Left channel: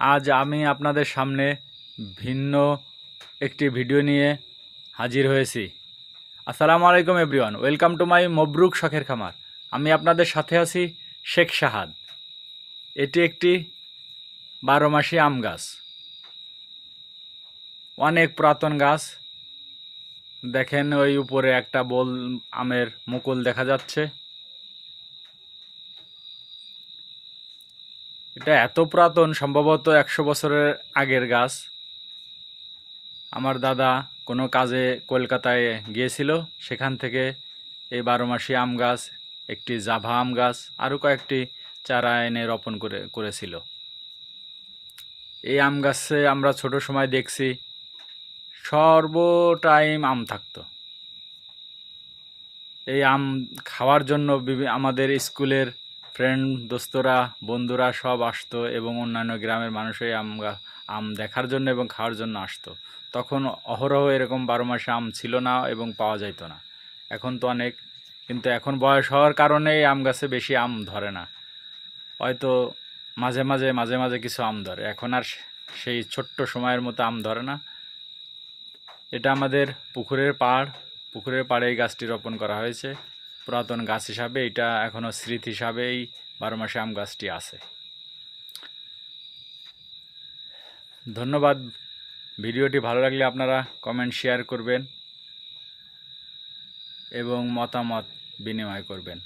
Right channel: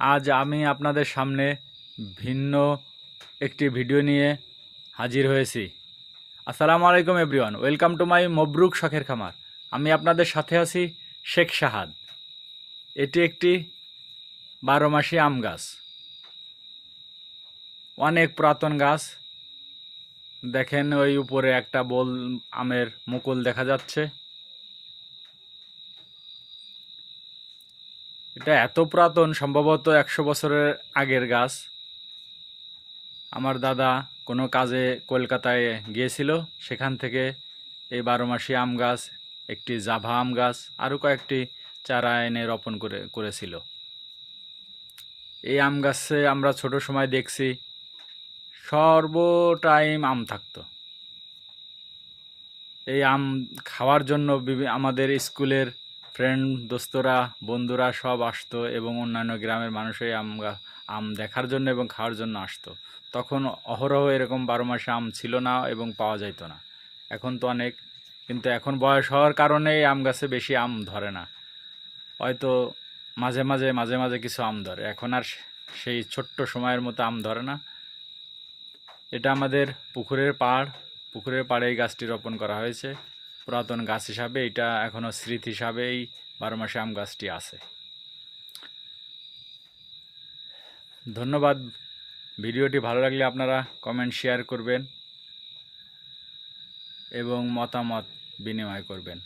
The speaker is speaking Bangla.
আজ আমি আপনাদের সামনে ভিন্ন একটি ভিডিও নিয়ে হাজির হয়েছি। আসসালামু আলাইকুম এভরিওয়ান ওয়েলকাম টু মাই মবরুক শখের খামার। আমি আপনাদের সাথে আছি শেখ শাহাদ এটি একটি বারো মাসি আম গাছ। অনেক পুরাতন গাছ। দেখেন ওই উপরে একটা বোল আমের মুকুল দেখা যাচ্ছে। এটা এত পুরাতন, সম্ভবত একশো বছরের আগের গাছ। আমার দাদা কোনো কাজে কলকাতায় গিয়েছিল, সেখান থেকে এই বারো মাসি আম গাছ, একটি জাভা আম গাছ আরও কয়েকটি চারা এনে রোপণ করে, করেছিল। এই আম গাছে আমরা ছোট সময় দেখছি সর্ব টাইম আম থাকতো। এই আম খাওয়ার জন্য আমাদের স্কুলের ফ্রেন্ড দোস্তরা, বন্ধুরা সব আসতো এবং অন্যান্য গ্রামের মানুষই এই আম গা- আম দেখার জন্য এবং খাওয়ার জন্য আসতো। তখন অহরহ এরকম বারো মাসে আম ছিল না এবং পাওয়া যাইতো না। এখন তো অনেক, কিন্তু এখন বয়স হওয়ার কারণে আম গাছে বেশি আম ধরে না। হয়তো মাঝে মাঝে মাঝে মাঝে কিছু আম ধরে। এখন আর সেই ছোট্ট সময়ের মতো আম ধরে না। এটা আমাদের পুকুরের পাড়। পুকুরের পাড়ে এই গাছটি রোপণ করা হয়েছে। পুরাতন গাছ হিসাবে এটা এখনও স্মৃতি হিসাবেই বারো মাসে আম গাছটি আছে। ধন্যবাদ। ভিডিওটি ভালো লাগলে আপনারা কমেন্ট, শেয়ার করবেন এবং মতামত বিনিময় করবেন।